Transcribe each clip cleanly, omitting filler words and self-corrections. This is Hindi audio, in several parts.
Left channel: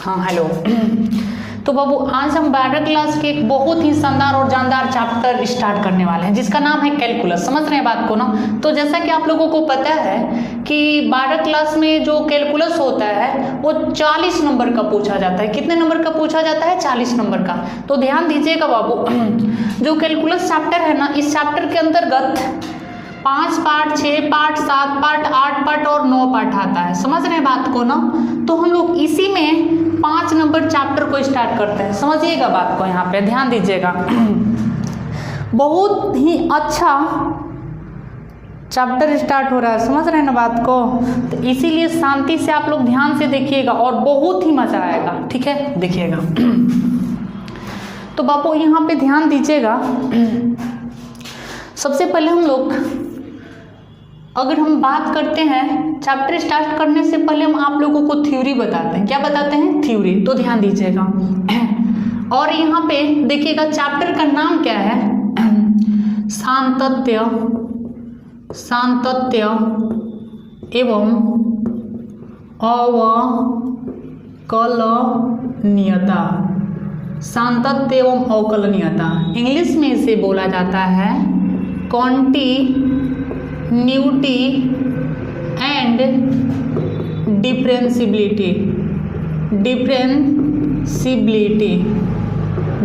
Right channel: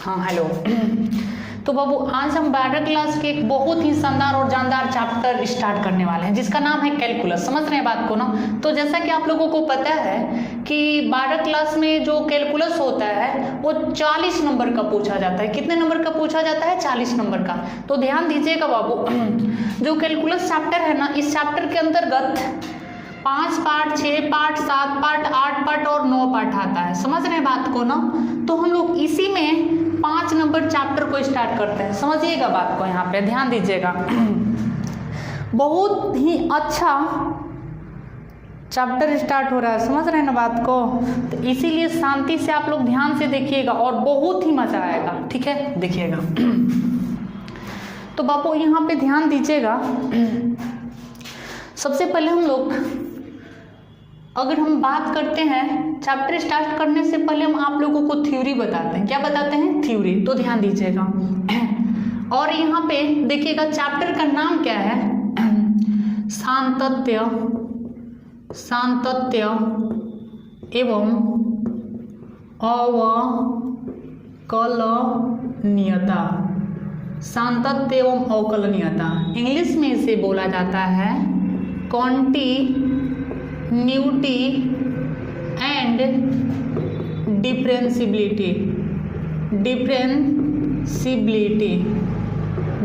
हाँ हेलो। तो बाबू आज हम 12 क्लास के एक बहुत ही शानदार और जानदार चैप्टर स्टार्ट करने वाले हैं जिसका नाम है कैलकुलस। समझ रहे हैं बात को ना। तो जैसा कि आप लोगों को पता है कि 12 क्लास में जो कैलकुलस होता है वो 40 नंबर का पूछा जाता है। कितने नंबर का पूछा जाता है? 40 नंबर का। तो ध्यान दीजिएगा बाबू, जो कैलकुलस चैप्टर है ना, इस चैप्टर के अंतर्गत 5 पार्ट, 6 पार्ट, 7 पार्ट, 8 पार्ट और 9 पार्ट आता है। समझ रहे हैं बात को ना। तो हम लोग इसी में 5 नंबर चैप्टर को स्टार्ट करते हैं। समझिएगा बात को, यहाँ पे ध्यान दीजिएगा। बहुत ही अच्छा चैप्टर स्टार्ट हो रहा है, समझ रहे हैं ना बात को। तो इसीलिए शांति से आप लोग ध्यान से देखिएगा और बहुत ही मजा आएगा। ठीक है, देखिएगा। तो बापू यहाँ पे ध्यान दीजिएगा। सबसे पहले हम लोग अगर हम बात करते हैं चैप्टर स्टार्ट करने से पहले हम आप लोगों को थ्योरी बताते हैं। क्या बताते हैं? थ्योरी। तो ध्यान दीजिएगा और यहाँ पे देखिएगा चैप्टर का नाम क्या है? सांतत्य, सांतत्य एवं अवकलनीयता। सांतत्य एवं अवकलनीयता, इंग्लिश में इसे बोला जाता है कॉन्टिन्यूटी एंड डिफरेंशिबिलिटी।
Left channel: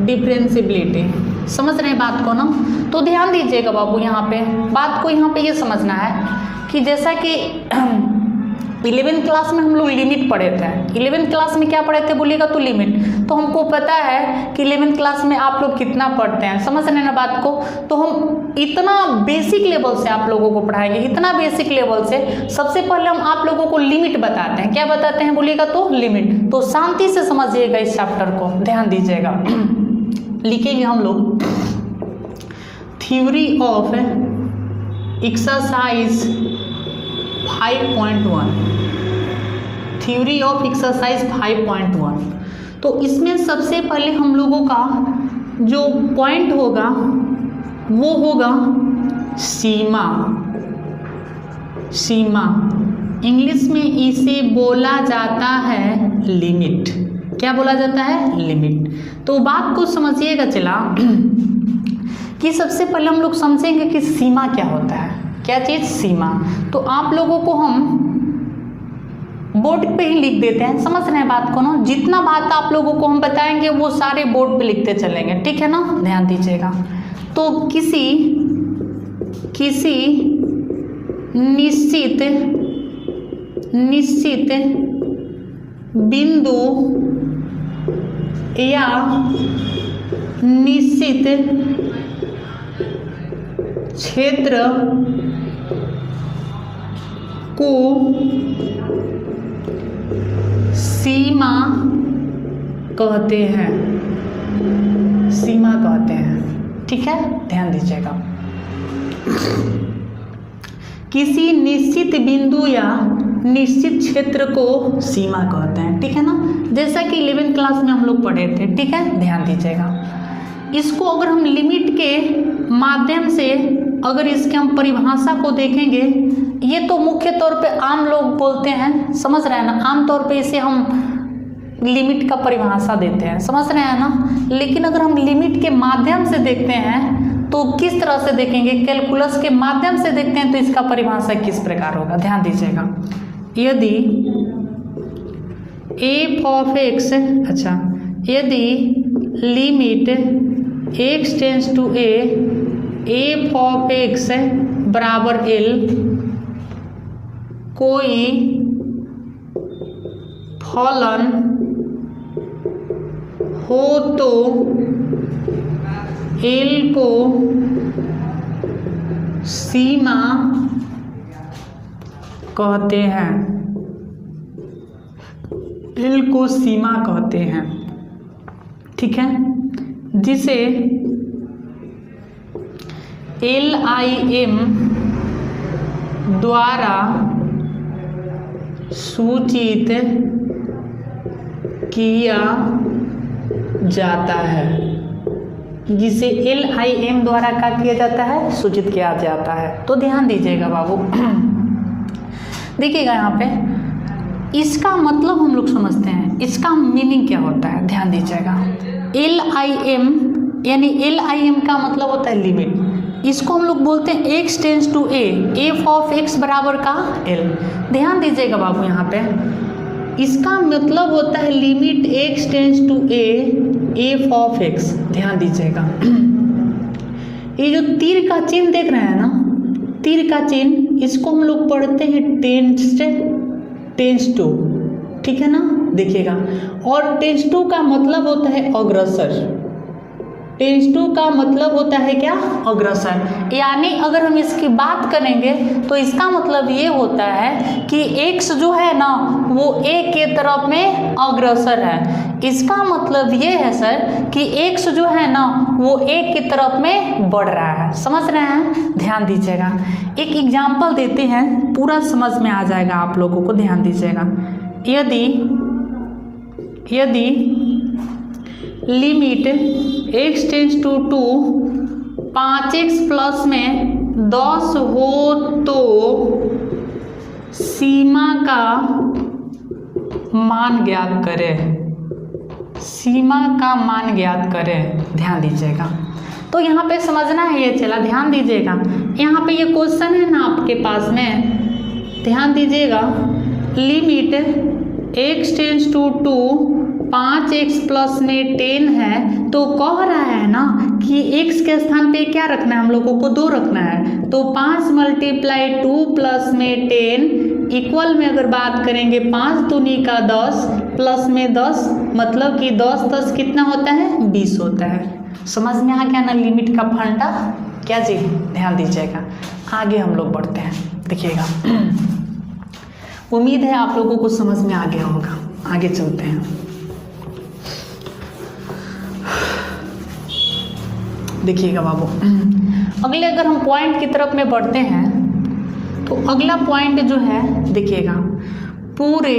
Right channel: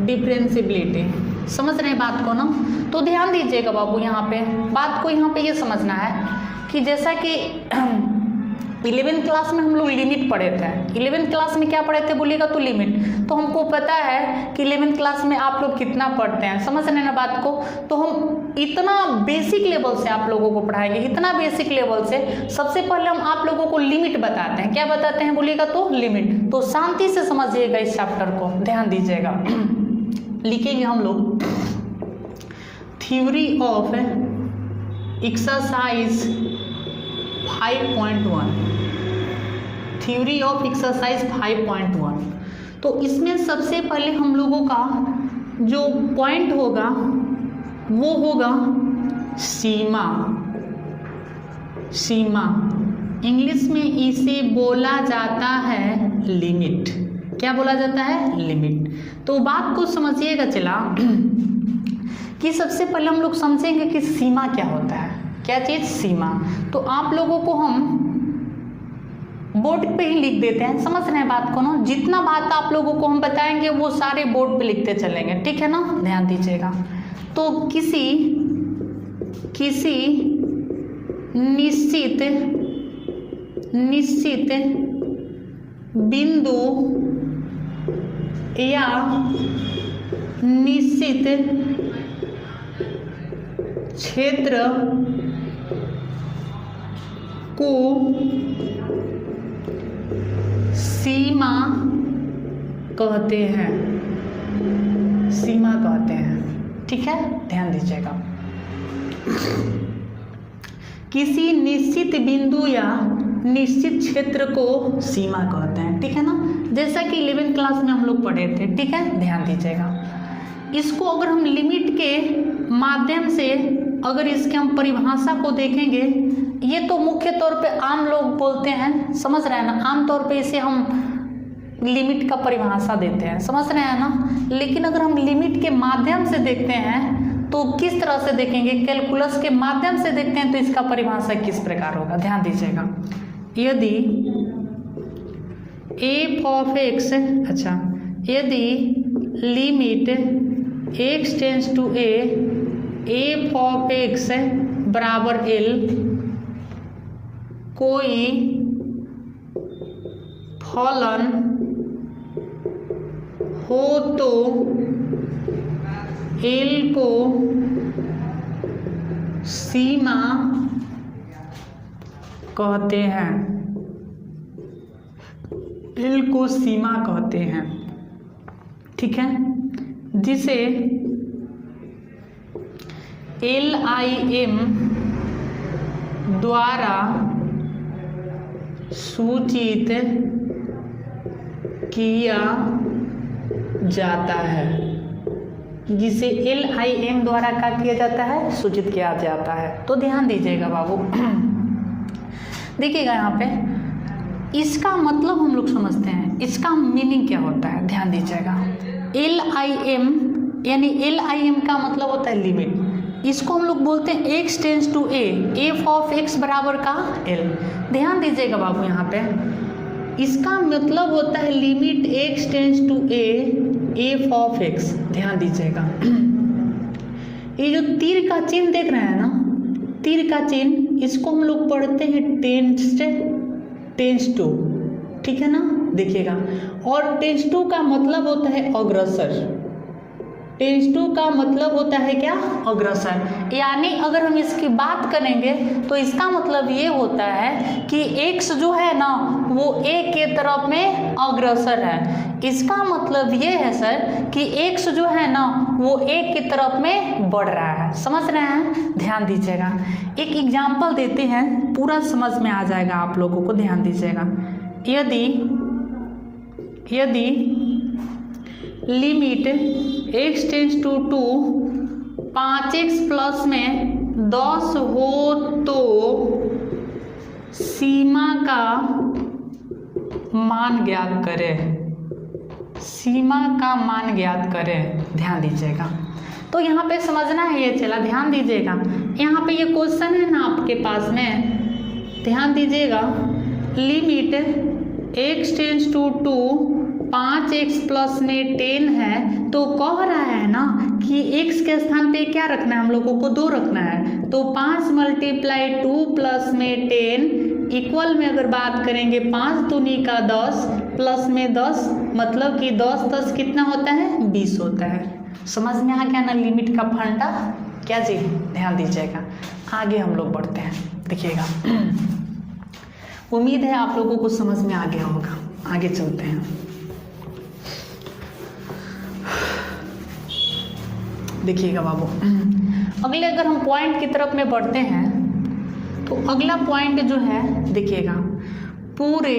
डिफरेंशिबिलिटी समझ रहे हैं बात को ना। तो ध्यान दीजिएगा बाबू, यहाँ पे बात को यहाँ पे ये समझना है कि जैसा कि 11वीं क्लास में हम लोग लिमिट पढ़े थे। 11वीं क्लास में क्या पढ़े थे बोलिएगा तो लिमिट। तो हमको पता है कि 11वीं क्लास में आप लोग कितना पढ़ते हैं, समझ रहे हैं ना बात को। तो हम इतना बेसिक लेवल से आप लोगों को पढ़ाएंगे, इतना बेसिक लेवल से। सबसे पहले हम आप लोगों को लिमिट बताते हैं। क्या बताते हैं बोलिएगा तो लिमिट। तो शांति से समझिएगा इस चैप्टर को, ध्यान दीजिएगा। लिखेंगे हम लोग theory of exercise 5.1। Theory of exercise 5.1। तो इसमें सबसे पहले हम लोगों का जो पॉइंट होगा वो होगा सीमा। सीमा इंग्लिश में इसे बोला जाता है लिमिट। क्या बोला जाता है? लिमिट। तो बात को समझिएगा चला कि सबसे पहले हम लोग समझेंगे कि सीमा क्या होता है। क्या चीज? सीमा। तो आप लोगों को हम बोर्ड पे ही लिख देते हैं, समझ रहे हैं बात को ना। जितना बात आप लोगों को हम बताएंगे वो सारे बोर्ड पे लिखते चलेंगे, ठीक है ना। ध्यान दीजिएगा। तो किसी निश्चित बिंदु या निश्चित क्षेत्र को सीमा कहते हैं। सीमा कहते हैं, ठीक है, ध्यान दीजिएगा। किसी निश्चित बिंदु या निश्चित क्षेत्र को सीमा कहते हैं, ठीक है ना। जैसा कि 11वीं क्लास में हम लोग पढ़े थे, ठीक है, ध्यान दीजिएगा। इसको अगर हम लिमिट के माध्यम से अगर इसके हम परिभाषा को देखेंगे, ये तो मुख्य तौर पे आम लोग बोलते हैं, समझ रहे हैं ना। आम तौर पे इसे हम लिमिट का परिभाषा देते हैं, समझ रहे हैं ना। लेकिन अगर हम लिमिट के माध्यम से देखते हैं तो किस तरह से देखेंगे? कैलकुलस के माध्यम से देखते हैं तो इसका परिभाषा किस प्रकार होगा, ध्यान दीजिएगा। यदि एफ ऑफ एक्स, अच्छा, यदि limit x tends to a, f of x बराबर एल, कोई फलन हो तो एल को सीमा कहते हैं। एल को सीमा कहते हैं, ठीक है, जिसे LIM द्वारा सूचित किया जाता है। जिसे LIM द्वारा क्या किया जाता है? सूचित किया जाता है। तो ध्यान दीजिएगा बाबू। देखिएगा यहाँ पे इसका मतलब हम लोग समझते हैं, इसका मीनिंग क्या होता है, ध्यान दीजिएगा। LIM यानी LIM का मतलब होता है लिमिट। इसको हम लोग बोलते हैं x tends to a, f of x बराबर का l। ध्यान दीजिएगा बाबू, यहाँ पे इसका मतलब होता है limit x tends to a, f of x। ध्यान दीजिएगा, ये जो तीर का चिन्ह देख रहे हैं ना, तीर का चिन्ह, इसको हम लोग पढ़ते हैं टेंस टू, ठीक है ना, देखिएगा। और टेंस टू का मतलब होता है अग्रसर, टेंस टू का मतलब होता है क्या, अग्रसर। यानी अगर हम इसकी बात करेंगे तो इसका मतलब ये होता है कि x जो है ना वो a के तरफ में अग्रसर है। इसका मतलब ये है सर कि x जो है ना वो a की तरफ में बढ़ रहा है। समझ रहे हैं, ध्यान दीजिएगा। एक एग्जाम्पल देते हैं, पूरा समझ में आ जाएगा आप लोगों को, ध्यान दीजिएगा। यदि limit x tends to 2 5x plus में 10 हो तो सीमा का मान ज्ञात करें, सीमा का मान ज्ञात करें। ध्यान दीजिएगा, तो यहाँ पे समझना है ये, चला ध्यान दीजिएगा। यहाँ पे ये क्वेश्चन है ना आपके पास में, ध्यान दीजिएगा। Limit x tends to 2 5x plus में 10 है, तो कह रहा है ना कि x के स्थान पे क्या रखना है, हम लोगों को 2 रखना है। तो 5 × 2 प्लस में 10 इक्वल में अगर बात करेंगे 5 दूनी का 10 प्लस में 10, मतलब कि 10 10 कितना होता है, 20 होता है। समझ में आ गया ना लिमिट का फंडा, क्या जी, ध्यान दीजिएगा। आगे हम लोग बढ़ते हैं, देखिएगा। उम्मीद है आप लोगों को समझ में आ गया होगा। आगे चलते हैं, देखिएगा बाबू। अगले अगर हम पॉइंट की तरफ में बढ़ते हैं तो अगला पॉइंट जो है देखिएगा, पूरे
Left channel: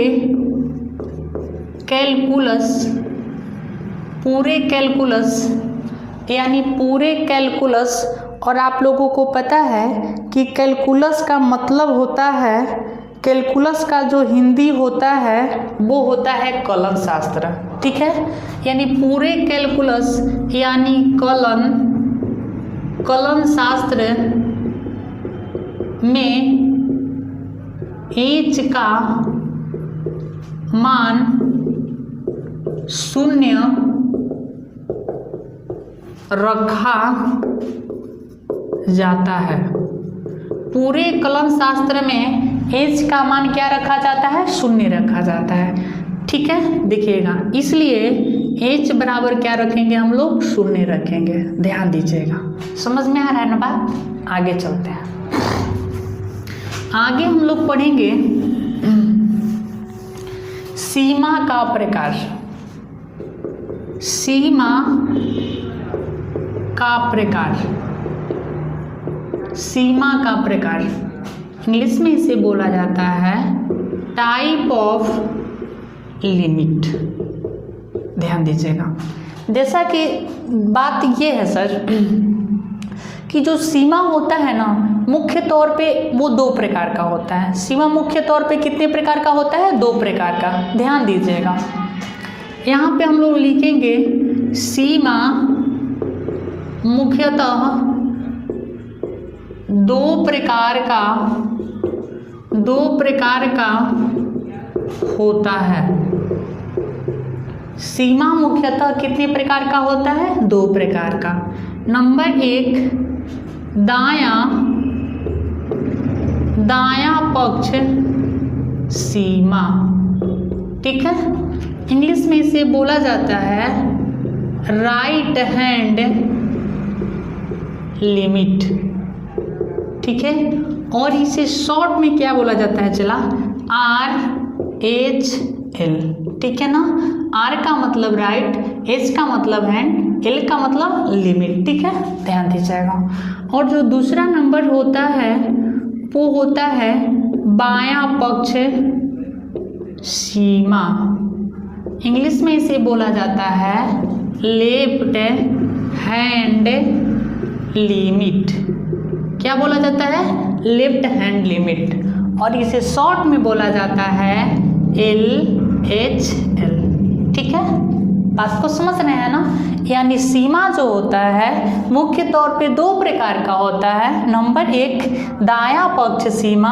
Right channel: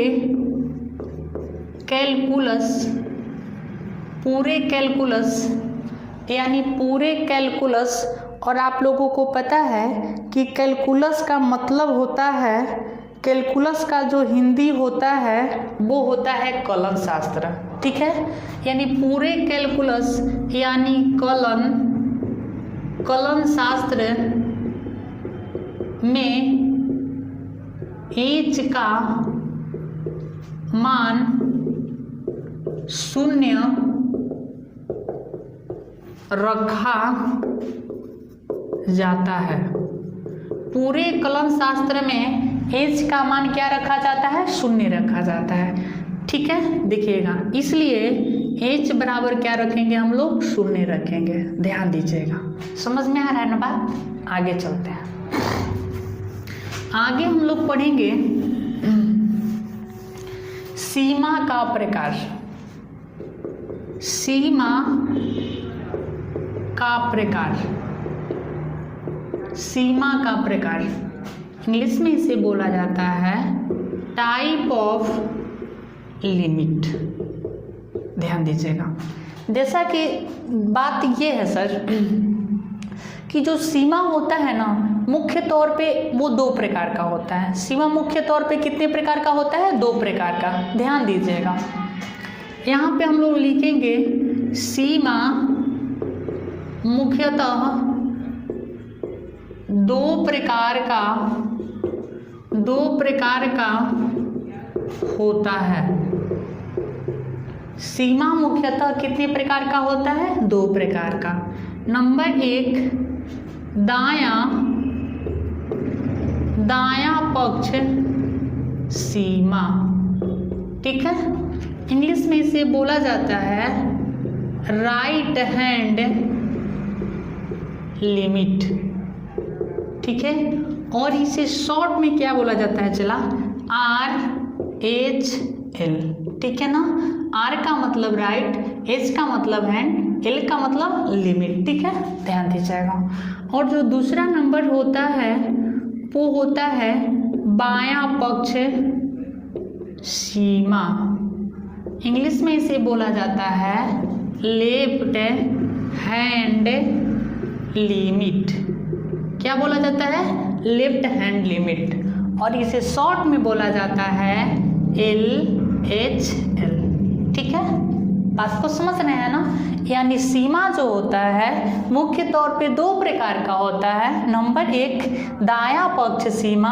कैलकुलस। और आप लोगों को पता है कि कैलकुलस का मतलब होता है, कैलकुलस का जो हिंदी होता है वो होता है कलन शास्त्र, ठीक है। यानी पूरे कैलकुलस यानी कलन शास्त्र में h का मान 0 रखा जाता है। पूरे कलन शास्त्र में h का मान क्या रखा जाता है, 0 रखा जाता है, ठीक है। देखिएगा, इसलिए h बराबर क्या रखेंगे हम लोग, 0 रखेंगे। ध्यान दीजिएगा, समझ में आ रहा है ना बात। आगे चलते हैं, आगे हम लोग पढ़ेंगे सीमा का प्रकार। सीमा का प्रकार, सीमा का प्रकार इंग्लिश में इसे बोला जाता है टाइप ऑफ लिमिट। ध्यान दीजिएगा, जैसा कि बात ये है सर कि जो सीमा होता है ना मुख्य तौर पे वो 2 प्रकार का होता है। सीमा मुख्य तौर पे कितने प्रकार का होता है, 2 प्रकार का। ध्यान दीजिएगा, यहाँ पे हम लोग लिखेंगे सीमा मुख्यतः 2 प्रकार का होता है। सीमा मुख्यतः कितने प्रकार का होता है, 2 प्रकार का। नंबर 1 दायां पक्ष सीमा, ठीक है। इंग्लिश में इसे बोला जाता है राइट हैंड लिमिट, ठीक है। और इसे शॉर्ट में क्या बोला जाता है, चला RHL, ठीक है ना। R का मतलब राइट, H का मतलब हैंड, L का मतलब लिमिट, ठीक है। ध्यान दीजिएगा। और जो दूसरा नंबर होता है वो होता है बायां पक्ष सीमा। इंग्लिश में इसे बोला जाता है लेफ्ट हैंड लिमिट। क्या बोला जाता है, लेफ्ट हैंड लिमिट। और इसे शॉर्ट में बोला जाता है LHL। ठीक है, बात को समझ रहे हैं ना। यानी सीमा जो होता है मुख्य तौर पे दो प्रकार का होता है। नंबर एक दायां पक्ष सीमा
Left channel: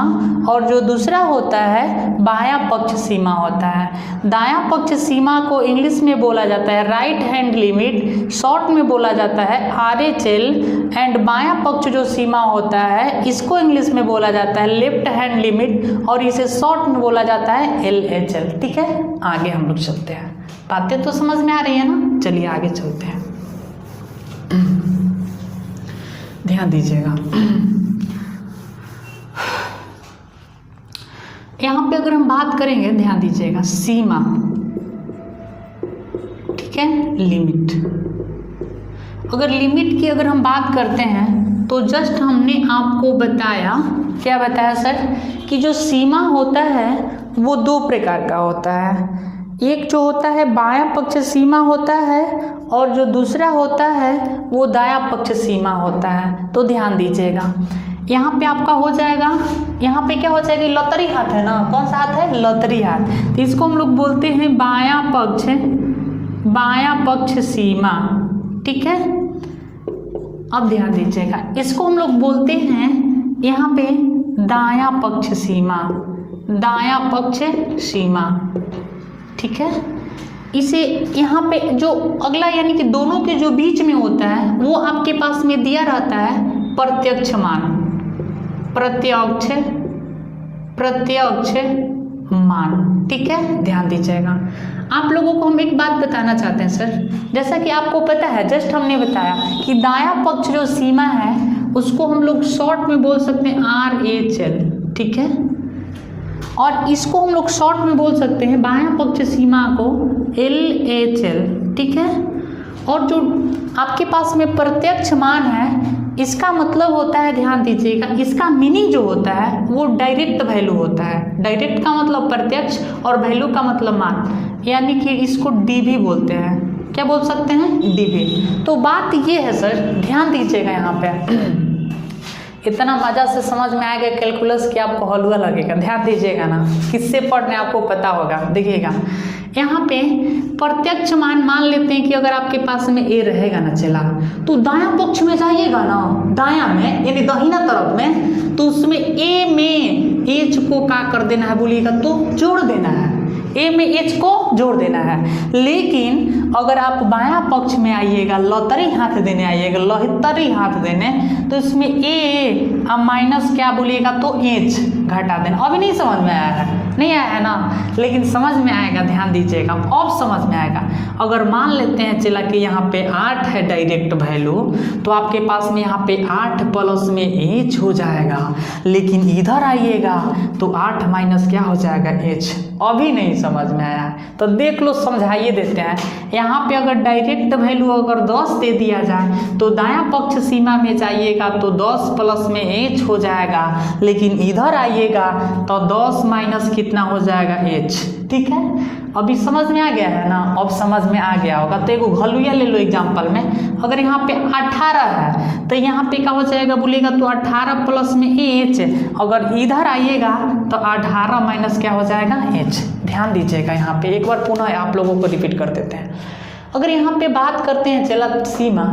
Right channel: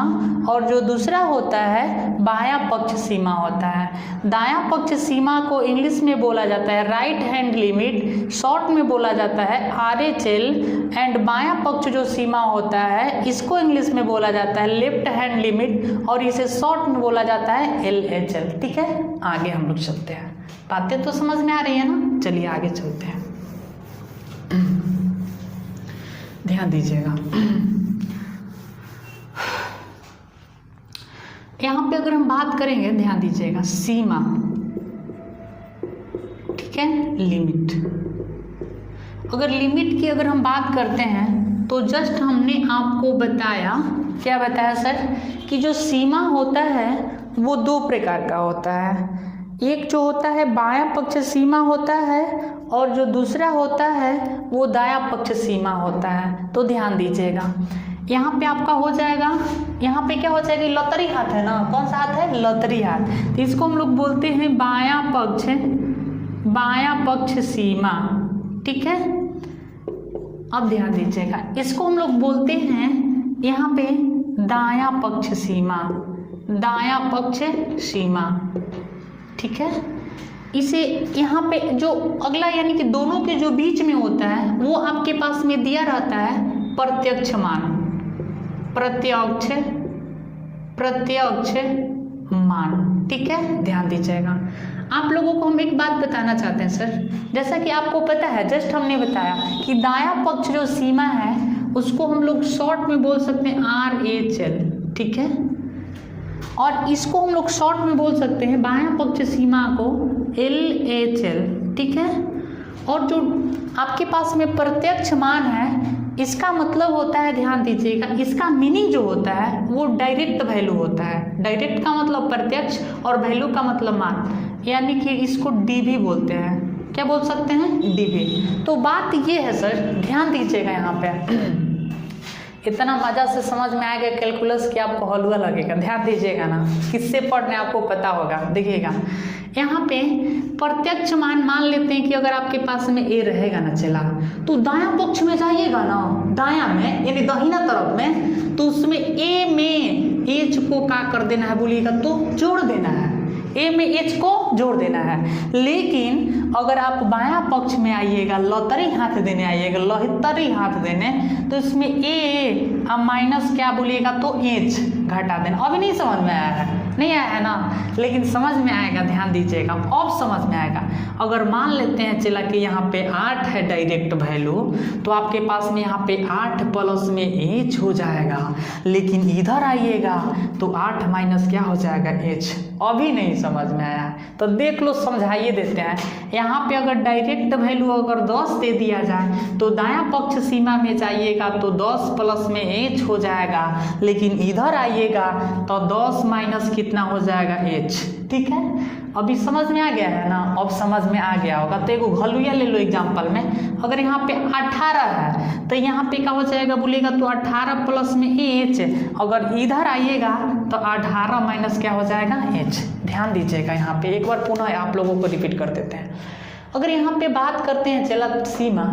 और जो दूसरा होता है बायां पक्ष सीमा होता है। दायां पक्ष सीमा को इंग्लिश में बोला जाता है राइट हैंड लिमिट, शॉर्ट में बोला जाता है RHL। एंड बायां पक्ष जो सीमा होता है इसको इंग्लिश में बोला जाता है लेफ्ट हैंड लिमिट और इसे शॉर्ट में बोला जाता है LHL। ठीक है, आगे हम लोग चलते हैं। बातें तो समझ में आ रही है ना, चलिए आगे चलते हैं। ध्यान दीजिएगा, यहां पे अगर हम बात करेंगे, ध्यान दीजिएगा, सीमा, ठीक है, लिमिट। अगर लिमिट की अगर हम बात करते हैं तो जस्ट हमने आपको बताया, क्या बताया सर, कि जो सीमा होता है वो दो प्रकार का होता है। एक जो होता है बायां पक्ष सीमा होता है और जो दूसरा होता है वो दायां पक्ष सीमा होता है। तो ध्यान दीजिएगा, यहाँ पे आपका हो जाएगा, यहाँ पे क्या हो जाएगा, लौतरी हाथ है ना, कौन सा हाथ है, लौतरी हाथ। तो इसको हम लोग बोलते हैं बायां पक्ष सीमा। ठीक है, अब ध्यान दीजिएगा, इसको हम लोग बोलते हैं यहाँ पे दायां पक्ष सीमा। ठीक है, इसे यहाँ पे जो अगला यानी कि दोनों के जो बीच में होता है वो आपके पास में दिया रहता है प्रत्यक्ष मान। ठीक है, ध्यान दीजिएगा। आप लोगों को हम एक बात बताना चाहते हैं सर, जैसा कि आपको पता है, जस्ट हमने बताया कि दायां पक्ष जो सीमा है उसको हम लोग शॉर्ट में बोल सकते हैं RHL। ठीक है, और इसको हम लोग शॉर्ट में बोल सकते हैं बायां पक्ष सीमा को LHL। ठीक है, और जो आपके पास में प्रत्यक्ष मान है इसका मतलब होता है, ध्यान दीजिएगा, इसका मीनिंग जो होता है वो डायरेक्ट वैल्यू होता है। डायरेक्ट का मतलब प्रत्यक्ष और वैल्यू का मतलब मान, यानी कि इसको DV बोलते हैं। क्या बोल सकते हैं, DV। तो बात ये है सर, ध्यान दीजिएगा, यहाँ पे इतना मजा से समझ में आएगा कैलकुलस कि आपको हलवा लगेगा। ध्यान दीजिएगा ना, किससे पढ़ने आपको पता होगा। देखिएगा यहाँ पे प्रत्यक्ष मान लेते हैं कि अगर आपके पास में A रहेगा ना चला, तो दायां पक्ष में जाइएगा ना, दायां में यानी दाहिना तरफ में, तो उसमें A में H को क्या कर देना है बोलिएगा, तो जोड़ देना है। A में H को जोड़ देना है। लेकिन अगर आप बायां पक्ष में आइएगा, लौतरी हाथ देने आइएगा, लौतरी हाथ देने, तो इसमें A अब माइनस क्या बोलिएगा, तो H घटा देना। अभी नहीं समझ में आया है, नहीं आया है ना, लेकिन समझ में आएगा। ध्यान दीजिएगा, अब समझ में आएगा। अगर मान लेते हैं चला कि यहाँ पे 8 है डायरेक्ट वैल्यू, तो आपके पास में यहाँ पे 8 प्लस में H हो जाएगा। लेकिन इधर आइएगा तो 8 माइनस क्या हो जाएगा, H। अभी नहीं समझ में आया तो देख लो, समझाइए देते हैं। यहाँ पे अगर डायरेक्ट वैल्यू अगर 10 दे दिया जाए तो दायां पक्ष सीमा में जाइएगा तो 10 प्लस में H हो जाएगा। लेकिन इधर आइएगा तो 10 माइनस कितना हो जाएगा, H। ठीक है, अभी समझ में आ गया है ना, अब समझ में आ गया होगा। तो एक घलुया ले लो एग्जाम्पल में, अगर यहाँ पे 18 है तो यहाँ पे क्या हो जाएगा बोलिएगा, तो 18 प्लस में H। अगर इधर आइएगा तो 18 माइनस क्या हो जाएगा, H। ध्यान दीजिएगा, यहाँ पे एक बार पुनः आप लोगों को रिपीट कर देते हैं। अगर यहाँ पे बात करते हैं चला सीमा,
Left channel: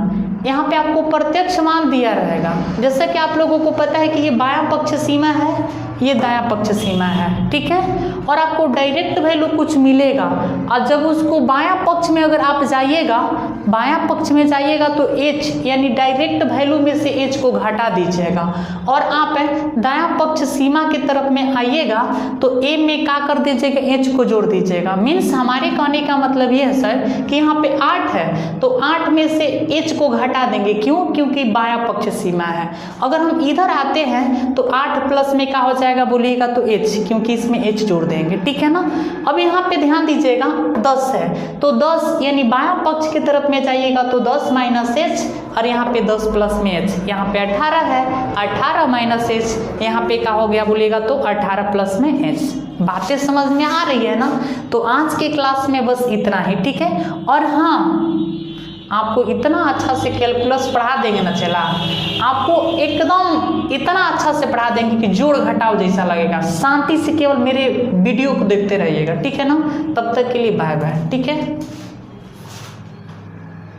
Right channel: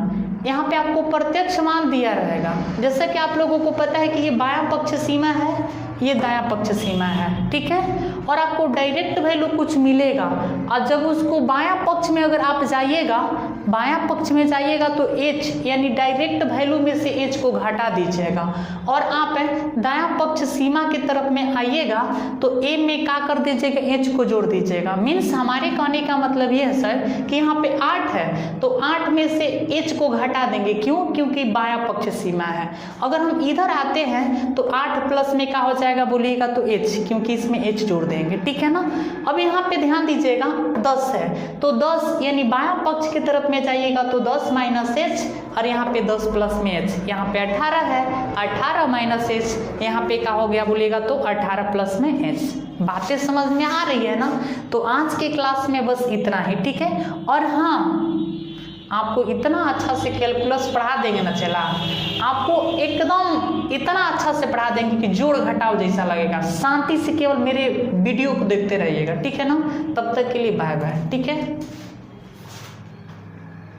यहाँ पे आपको प्रत्यक्ष मान दिया रहेगा। जैसा कि आप लोगों को पता है कि ये बायां पक्ष सीमा है, ये दायां पक्ष सीमा है। ठीक है, और आपको डायरेक्ट वैल्यू कुछ मिलेगा, और जब उसको बायां पक्ष में अगर आप जाइएगा, बायां पक्ष में जाइएगा तो H यानी डायरेक्ट वैल्यू में से H को घटा दीजिएगा, और आप दायां पक्ष सीमा की तरफ में आइएगा तो A में क्या कर दीजिएगा, H को जोड़ दीजिएगा। मीन्स हमारे कहने का मतलब ये है सर कि यहाँ पे 8 है तो 8 में से H को घटा देंगे। क्यों, क्योंकि बायां पक्ष सीमा है। अगर हम इधर आते हैं तो 8 प्लस में क्या हो जाएगा बोलिएगा, तो H, क्योंकि इसमें H जोड़ देंगे। ठीक है ना, अब यहाँ पे ध्यान दीजिएगा 10 है तो 10 यानी बायां पक्ष की तरफ में जाइएगा तो 10 माइनस H, और यहाँ पे 10 प्लस में H। यहाँ पे 18 है, 18 माइनस H, यहाँ पे क्या हो गया बोलिएगा, तो 18 प्लस में H। बातें समझ में आ रही है ना। तो आज के क्लास में बस इतना ही। ठीक है, और हाँ आपको इतना अच्छा से कैलकुलस पढ़ा देंगे ना चला, आपको एकदम इतना अच्छा से पढ़ा देंगे कि जोड़ घटाव जैसा लगेगा। शांति से केवल मेरे वीडियो को देखते रहिएगा, ठीक है ना। तब तक के लिए बाय बाय, ठीक है।